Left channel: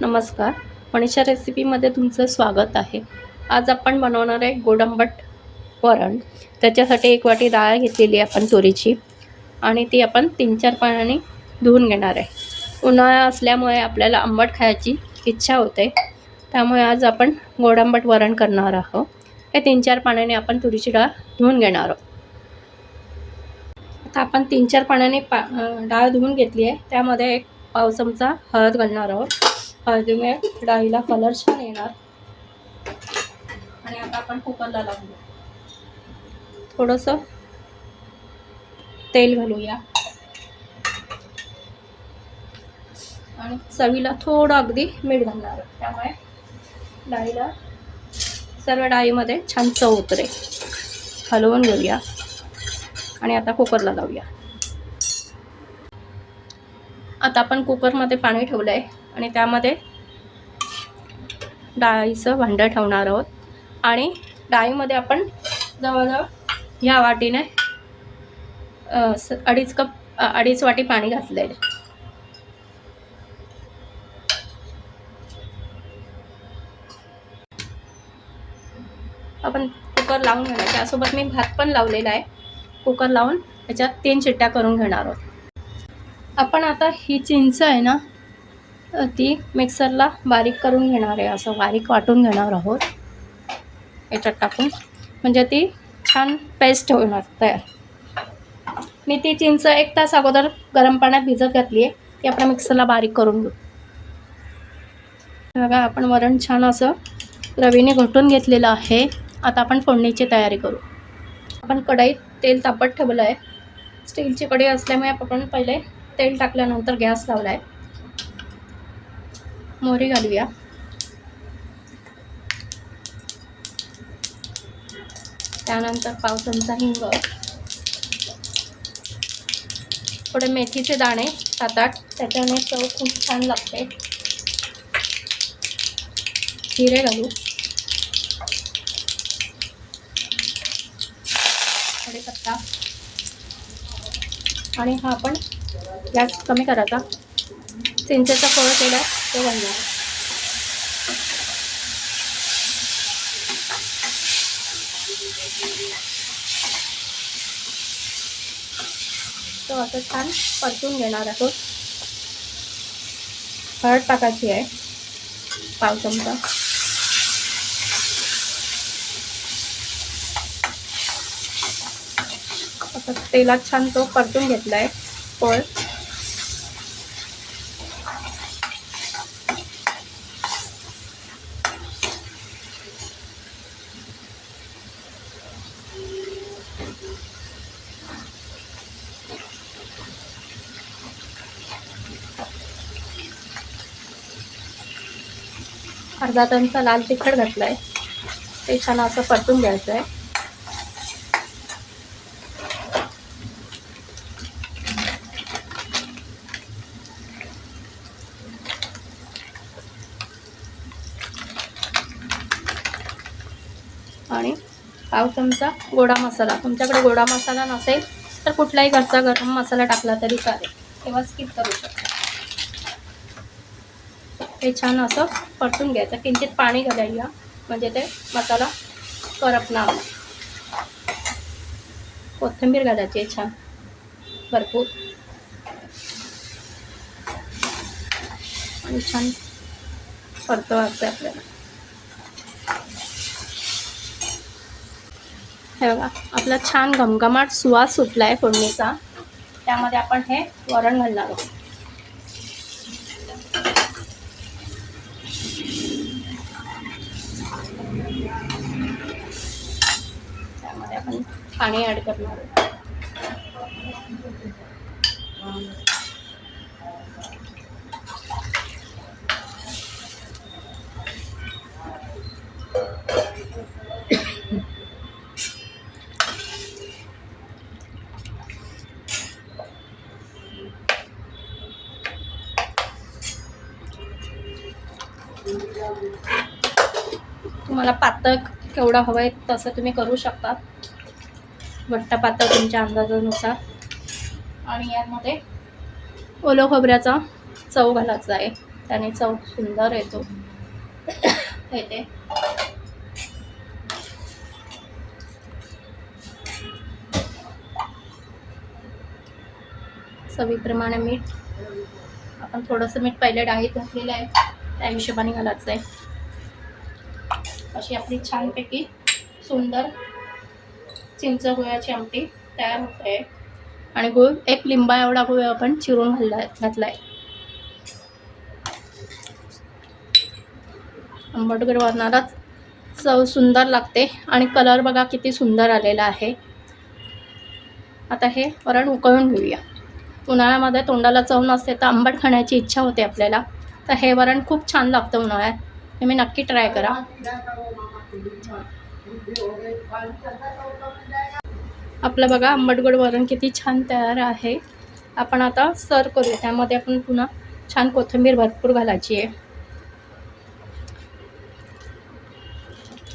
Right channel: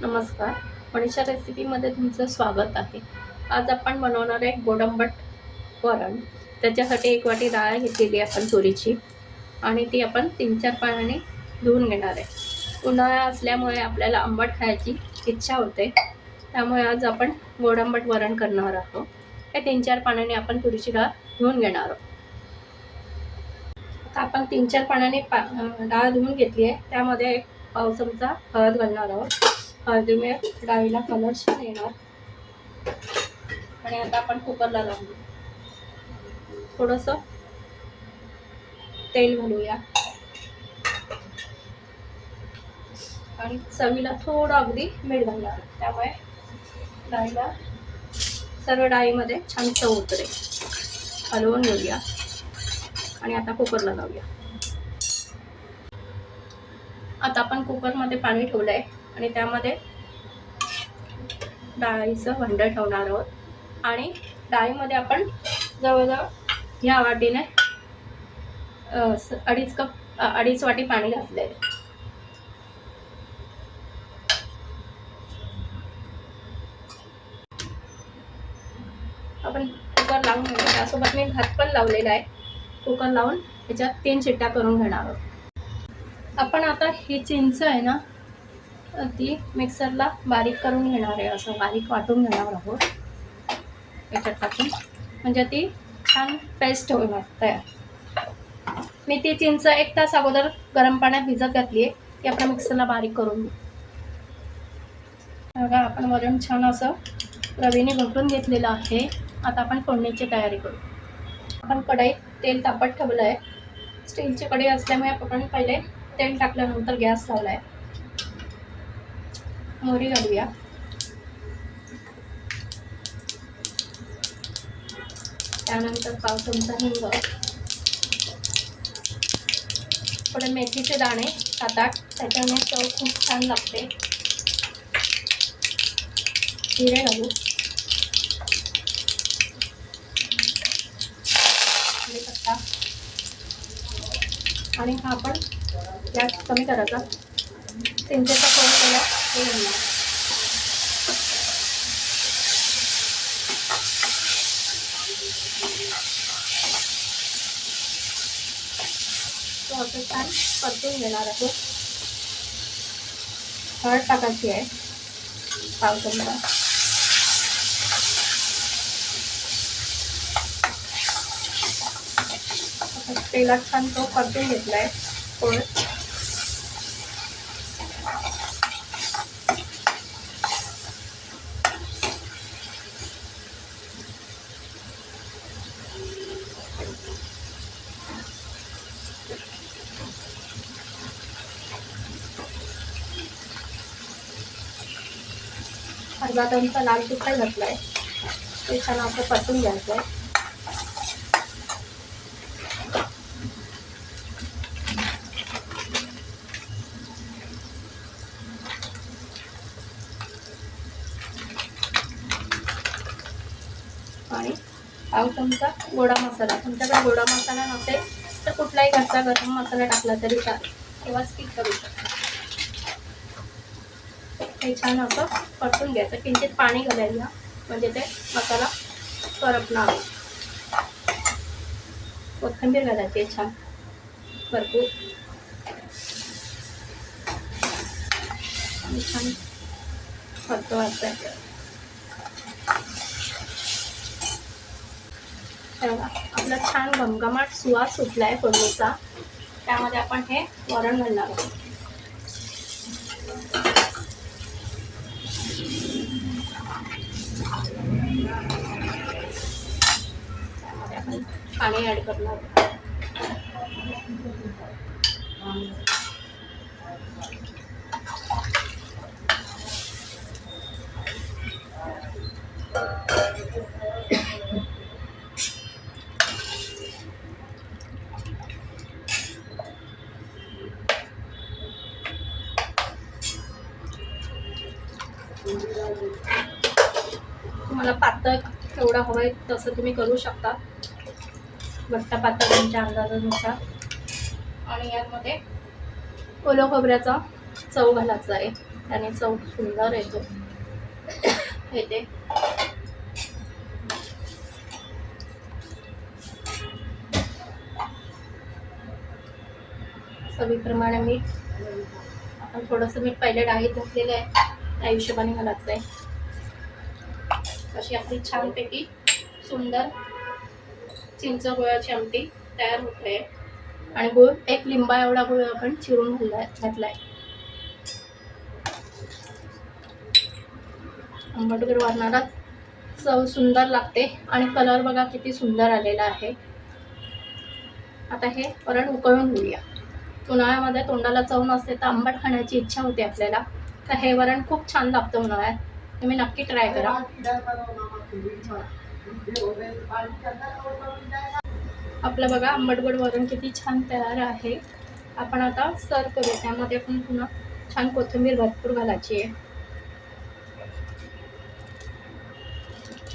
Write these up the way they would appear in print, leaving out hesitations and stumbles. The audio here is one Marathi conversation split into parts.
नमस्कार. मनीषा रेसिपीमध्ये तुमचं स्वागत आहे. आज आपण बनवणार आहे गोड आंबट वरण. त्याच्यासाठी 1 वाटी डाळ घेतलेली आहे आपण तुरीची आणि ती आपण 3-4 पाण्याने धुवून घेणार आहे. उन्हाळा असल्यामुळे आपल्याला आंबट खायची इच्छा होते, त्यामुळे आज आपण गोड आंबट वरण करणार आहोत. हे 3-4 पाण्याने आपण तुरीची डाळ धुवून घेणार आहोत. आता आपण 3-4 पाण्याने डाळ धुवून घेतली आहे. त्यामध्ये 1 पाव चमचा हळद घालणार आहोत. हळदीमुळे डाळीला कलर छान येणार. आणि आता आपण कुकरला लावून देऊ. थोडंसं तेल घालूया आणि चवीला थोडं अगदी मीठ घालणार. त्यामुळे डाळीला सर्व डाळीमध्ये छान चव उतरेल. हलवून घेऊया आणि आता कुकरला लावूया. आता आपण कुकरमध्ये पाणी ठेवलं आहे आणि त्यामध्ये डाळीचं भांडं ठेवणार आहोत आणि डाळीमध्ये आपण जवळजवळ ह्या वाटीने 2.5 वाटी पाणी घातलं आहे. आपण कुकर लावून घेणार. त्यासोबत मी भात पण लावलेला आहे. कुकर लावून त्याच्यात 3 शिट्ट्या करून घेणार आहोत. आपण आता ही चिंच आहे ना, ती मिक्सरला बारीक करून घेणार आहे. असं बारीक वाटून घेणार आहोत याच्यात टाकून, म्हणजे ती छान पेस्ट होणार तयार. मी ती चिंच 1 तास अगोदर गरम पाण्यात भिजत घातली आहे. ती आपण मिक्सरला बारीक करून घेऊ. बघा, आपण वरण छान असं रवीने घोटून घेतलेलं आहे. आता आपण फोडणीची तयारी करू. आपण कढईत तेल तापत ठेवलं आहे. स्टीलची कढई असल्यामुळे आपण पहिले तेल टाकल्यानंतर गॅस लावला आहे. मोहरी घालूया. त्यानंतर पाव चमचा हिंग, थोडे मेथीचे दाणे 7-8, त्याच्याने चव खूप छान लागते. जिरे घालू, कढीपत्ता आणि हा आपण गॅस कमी करायचा. चिंचेचा कोळ केला तो घालला. तो आता छान परतून घेणार आहोत. हळद टाकायची आहे पाव चमचा. आता तेलात छान तो परतून घेतला आहे पोळ. अर्धा चमचा लाल तिखट घातलं आहे. ते छान असं परतून घ्यायचं आहे. आणि पाव चमचा गोडा मसाला. तुमच्याकडे गोडा मसाला नसेल तर कुठलाही घरचा गरम मसाला टाकला तरी चालेल किंवा स्किप करू शकता. हे छान असं परतून घ्यायचं. किंचित पाणी घालायला, म्हणजे ते मसाला करपणार. कोथिंबीर घालायची आहे छान भरपूर आणि छान परतवायचं आहे आपल्याला. हे बघा, आपला छान घमघमाट सुवास सुटला आहे फोडणीचा. त्यामध्ये आपण हे वरण घालणार आहोत. त्यामध्ये आपण पाणी ॲड करणार आहोत. तुम्हाला पातळ केवढा हवं आहे तसं तुम्ही करू शकता. घट्ट पातळ तुमच्या अंदाजानुसार. आणि यामध्ये ओलं खोबऱ्याचा चव घालायचा आहे. त्याने चव सुंदर येतो येते. चवीप्रमाणे मीठ, आपण थोडंसं मीठ पहिले डाळीत घातलेलं आहे त्या हिशोबाने घालायचं आहे. अशी आपली छानपैकी सुंदर चिंच गुळाची आमटी तयार होते. आणि गुळ एक लिंबा एवढा गुळ आपण चिरून घातलाय. आंबटगोड वरणालाच चव सुंदर लागते आणि कलर बघा किती सुंदर आलेला आहे. आता हे वरण उकळून घेऊया. उन्हाळ्यामध्ये तोंडाला चव नसते तर आंबट खाण्याची इच्छा होते आपल्याला, तर हे वरण खूप छान लागतं उन्हाळ्यात. तुम्ही नक्की ट्राय करा. आपलं बघा आंबटगोड वरण किती छान तयार आहे. आपण आता सर्व करूया. त्यामध्ये आपण पुन्हा छान कोथिंबीर भरपूर घालायची आहे.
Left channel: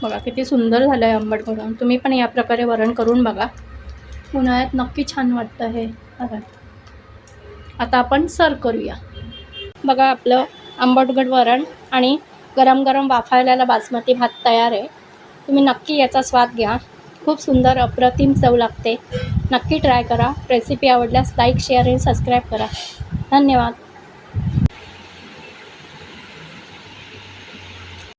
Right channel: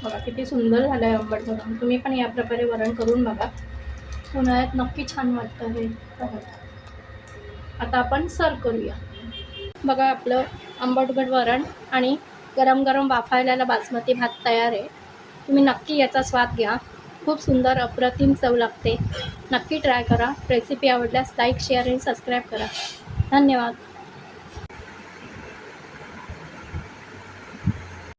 बघा किती सुंदर झालं आहे आंबटगोड. तुम्ही पण या प्रकारे वरण करून बघा, उन्हाळ्यात नक्की छान वाटतं हे. आता आपण सर्व करूया. बघा आपलं आंबटगोड वरण आणि गरम गरम वाफाळलेला बासमती भात तयार आहे. तुम्ही नक्की याचा स्वाद घ्या. खूप सुंदर अप्रतिम चव लागते. नक्की ट्राय करा. रेसिपी आवडल्यास लाईक, शेअर आणि सबस्क्राईब करा. धन्यवाद.